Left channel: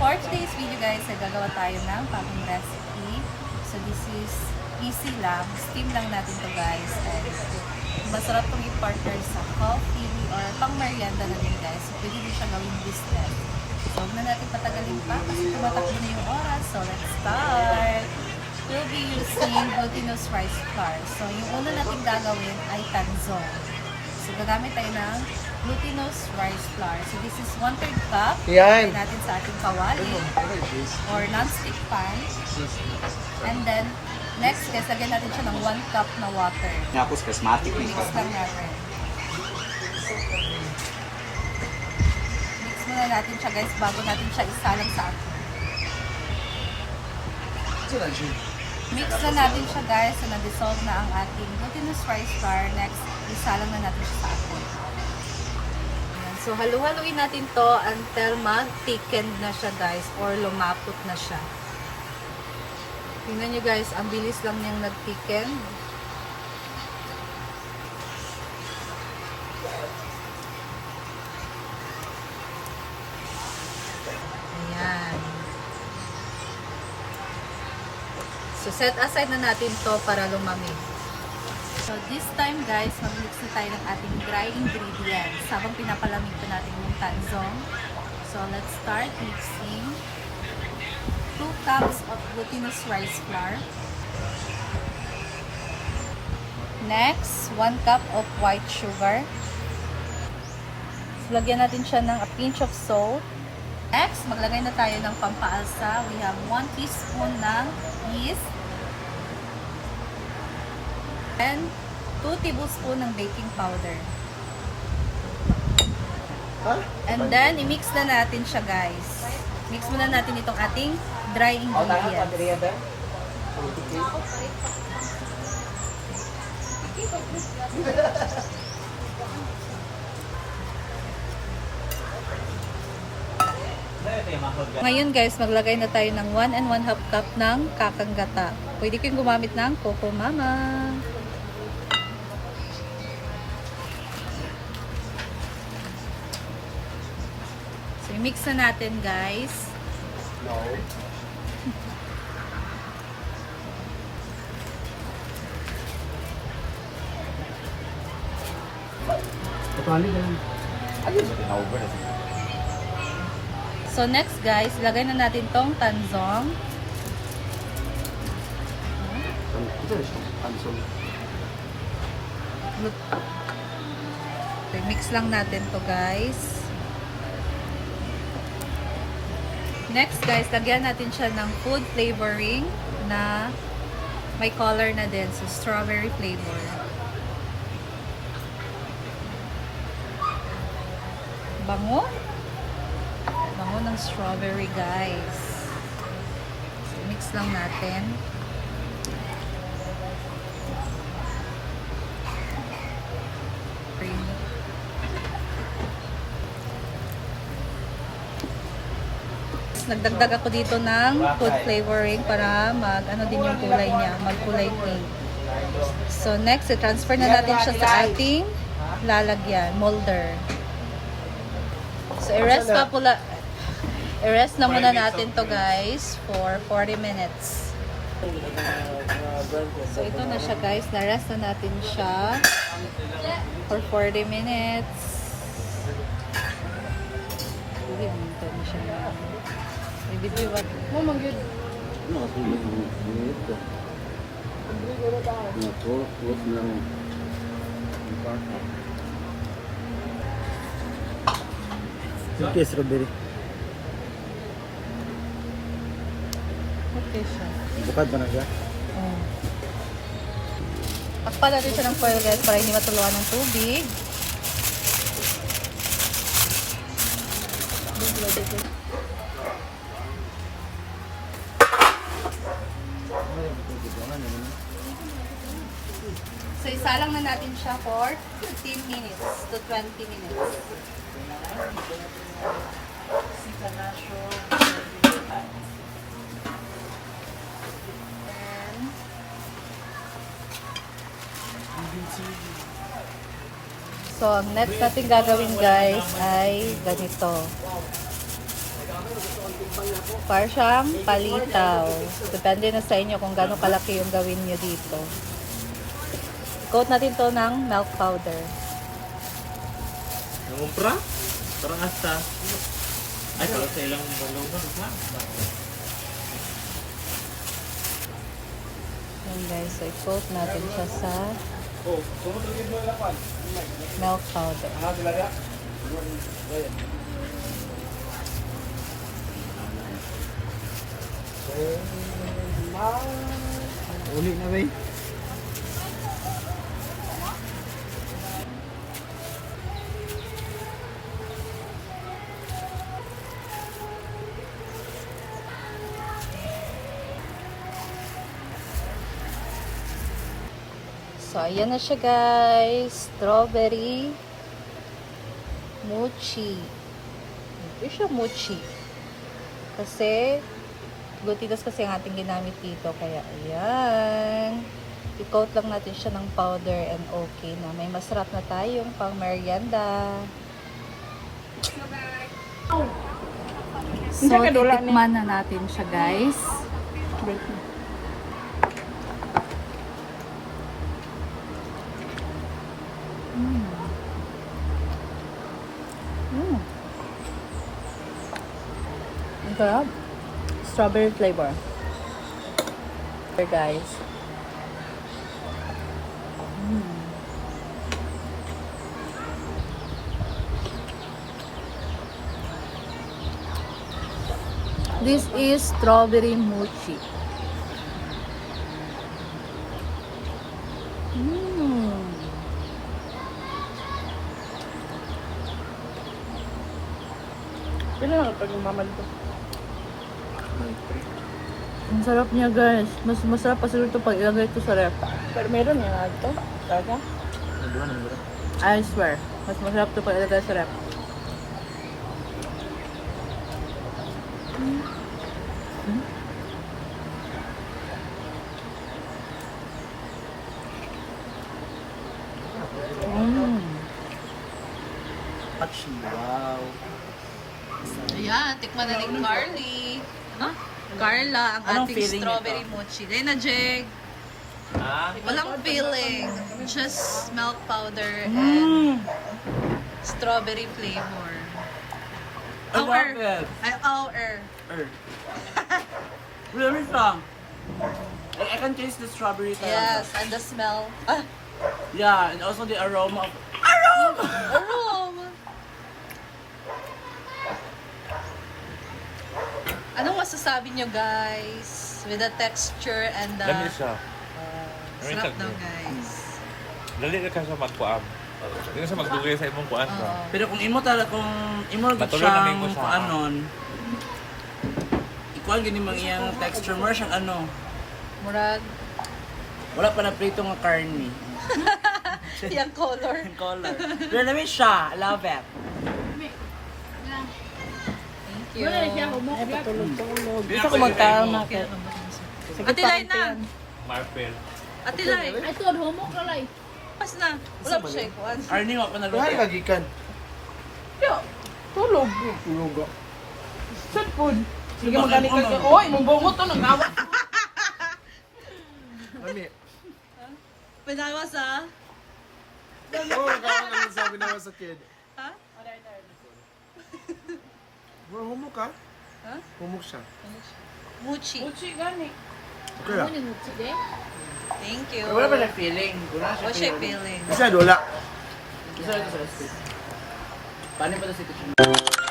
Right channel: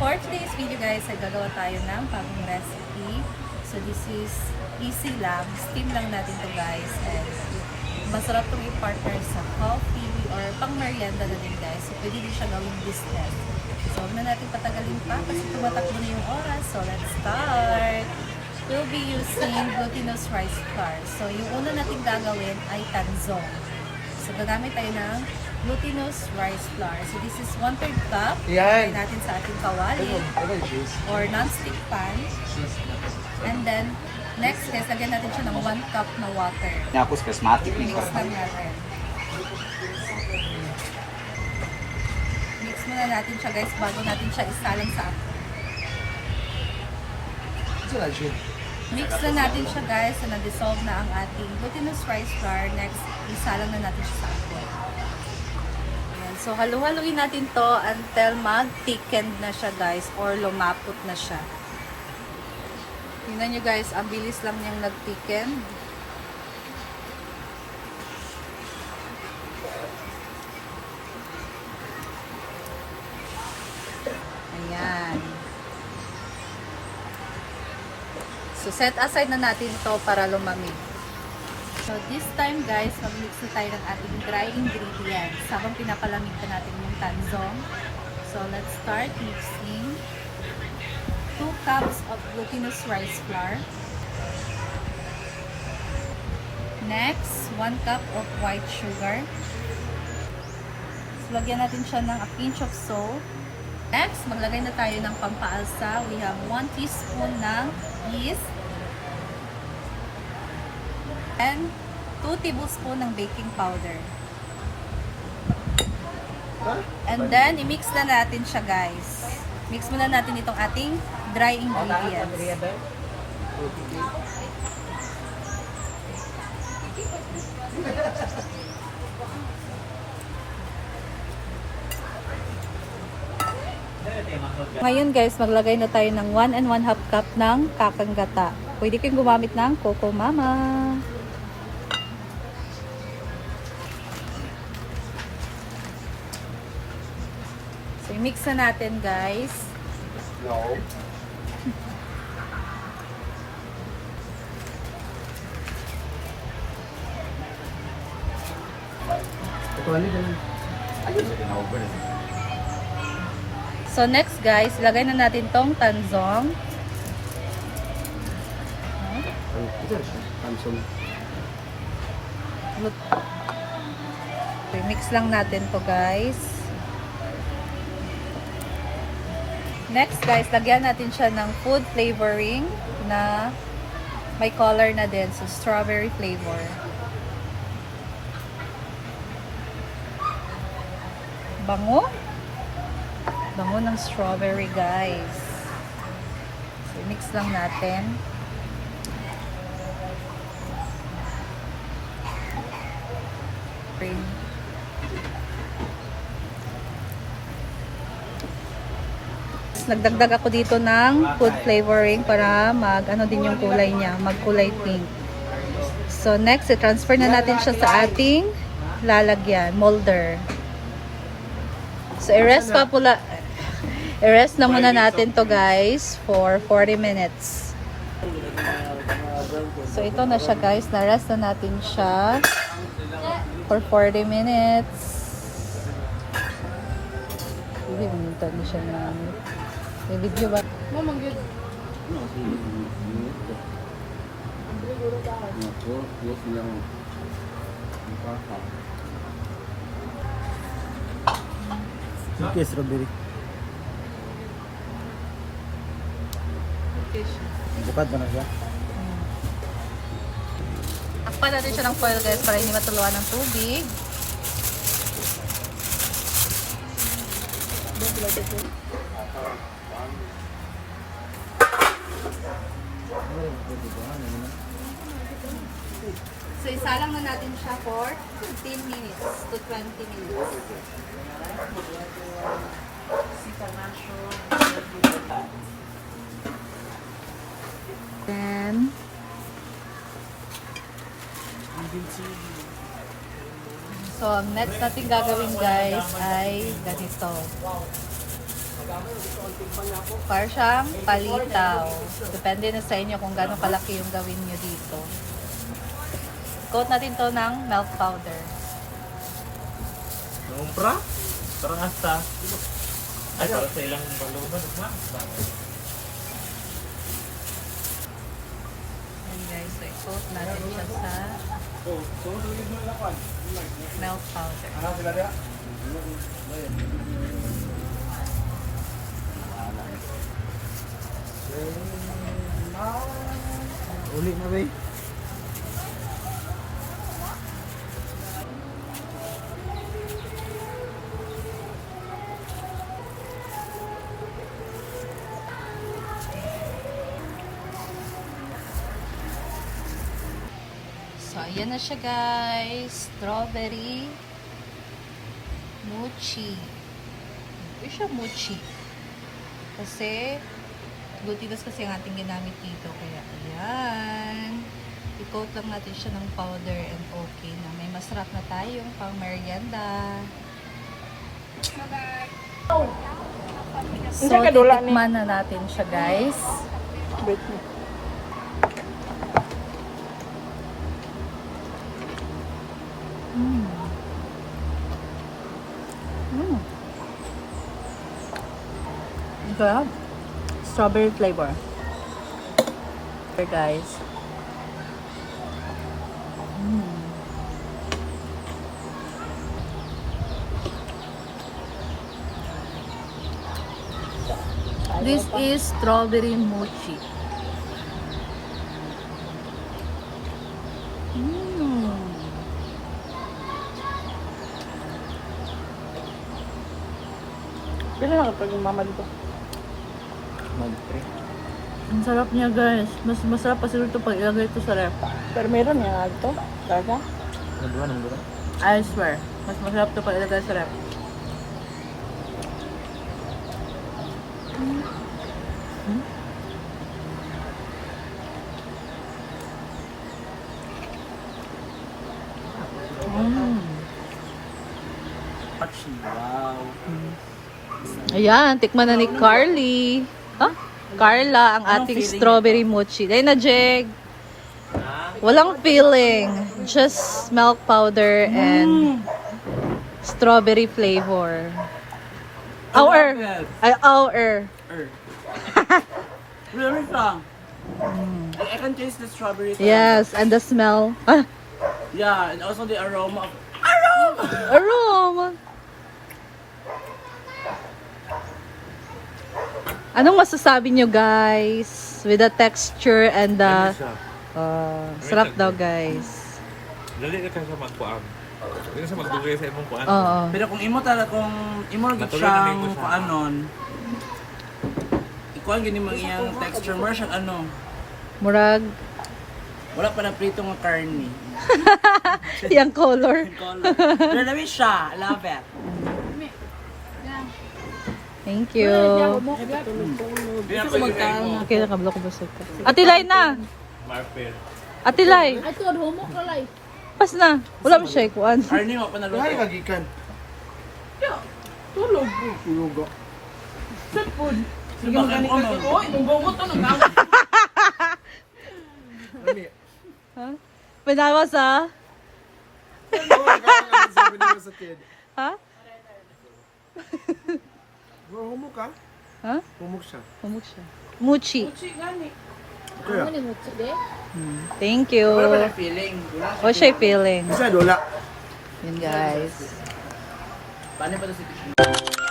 For today's video guys, ay gagawa tayo ng bagong recipe. So this is easy lang. Steam lang natin to guys. And masarap tong i-partner sa coffee or pang merienda na din guys. So pwede din siya gawing business. So huwag na natin patagalin pa kasi tumatakbo na yung oras. So let's start! We'll be using glutinous rice flour. So yung una natin gagawin ay tanzong. So gagamit tayo ng glutinous rice flour. So this is 1/3 cup. Ilagay natin sa ating kawali or non-stick pan. And then next guys, lagyan natin siya ng 1 cup na water. Tapos prismatic Mix lang natin. Mix muna natin siya guys bago natin siya isalang sa atin. Mix na natin siya guys so na-dissolve na ang ating glutinous rice flour. Next, isalang na natin siya sa atin. So, halu-haluin natin to until mag-thickened na siya guys or lumapot na siya. Tingnan nyo guys, ang bilis lang niyang nag-thicken. Ayan. So, set aside na natin to para lumamig. So, this time guys, mag-mix na tayo ng ating dry ingredients habang pinapalamig pa natin yung tanzong. So, let's start mixing. 2 cups of glutinous rice flour. Next, 1 cup of white sugar. So, lagyan natin siya ng a pinch of salt. Next, maglagay na tayo ng pampaalsa. We have 1 teaspoon ng yeast. And 2 tablespoon ng baking powder. And then, i-mix na natin siya guys. Mix muna natin itong ating dry ingredients. Ngayon guys, maglagay na tayo ng 1 1/2 cup ng kakang gata. Pwede kayong gumamit ng Coco Mama. So, i-mix na natin guys. So next guys, lagay na natin tong tanzong. Okay, mix lang natin to guys. Next guys, lagyan natin siya ng food flavoring na may color na din. So strawberry flavor. Bango. Bango ng strawberry guys. So mix lang natin. Nagdagdag ako dito ng food flavoring para ano din yung kulay niya, magkulay pink. So next, i-transfer na natin siya sa ating lalagyan, molder. So i-rest na muna natin to guys for 40 minutes. So ito na siya guys, na-rest na natin siya for 40 minutes. Hindi na siya na. May video ba? Mama, good. Ano kasi yung ito? Ito, huwag niyang ipasa. Okay, strawberry. Okay siya. Bukad ba na siya? Takpan natin siya ng foil guys para hindi matuluan ng tubig. So, isalang na natin siya for 15 minutes to 20 minutes. Then, so, next natin gagawin guys ay ganito. Para siyang palitaw. Depende na sa inyo kung gaano kalaki yung gawin nyo dito. Coat natin to ng milk powder. Nangumpra? Parang asta. Ay, para sa ilang baluban. Ayan guys, so i-coat natin siya sa milk powder. Ulit na ba eh? So, ayan na siya guys. Strawberry mochi. Ito siya mochi. Kasi, glutinous kasi ang ating ginamit dito. Kaya, ayan. I-coat lang natin siya ng powder and okay na. May masarap na tayong pang merienda. So, titikman na natin siya guys. Ang sarap. Strawberry flavor. Here guys. This is strawberry mochi. Ang sarap niya guys. Mas masarap pa siguro ito pag ilagay ito sa ref. Pero meron niya ito. Talaga? Nandun. I swear. Mas masarap ito pag ilagay sa ref. Wow. Ayan, tikman na ni Carly. Ha? Carla, ang Anong ating feeling strawberry mochi. Dahil na, Jeg. Walang feeling. Just milk powder and strawberry flavor. Our. Ay, our. Really strong. I can taste the strawberry. Yes, and the smell. Ah, Yeah, and also the aroma of aroma. Anong masasabi nyo guys with the texture and the sarap daw guys. Dali ka sa magkuam. Dili sa magdugay sa imong kuan. Oo. Pero kung imo gid Matuloy na siyang nimo sa- kuanon, ikuan gini mang iyang texture mo siyang ano, Murag wala pa na prito nga karne. yung color. Yung color. Pero namin siya, I love it. Thank you. Hindi ko magkaon na. Okay, nakablo ko ba sa ito? Atilay na! Marpel. Atilay! Ay, ito, humok na lang. Pas na! Wala mo siya ikuan. Arnie mo pa Kaya naluto. kagikan. Tulog. Tulog ka. Shot food. Sige, Bakit magaling mo, ka. ma'am? Oy, mabungot to ng awat. Mami. Pinawas ha? Oo, kaya sabi naman sa kid. Ha? Bro, humok ka? Ha? Humok siya. Mochi. Uchi, gani. Kaya. Ano ni Uchi, de? Thank you. Wala ba na feeling? What's your feeling? Isa, wala. Guys. Paano ba ito si Tito?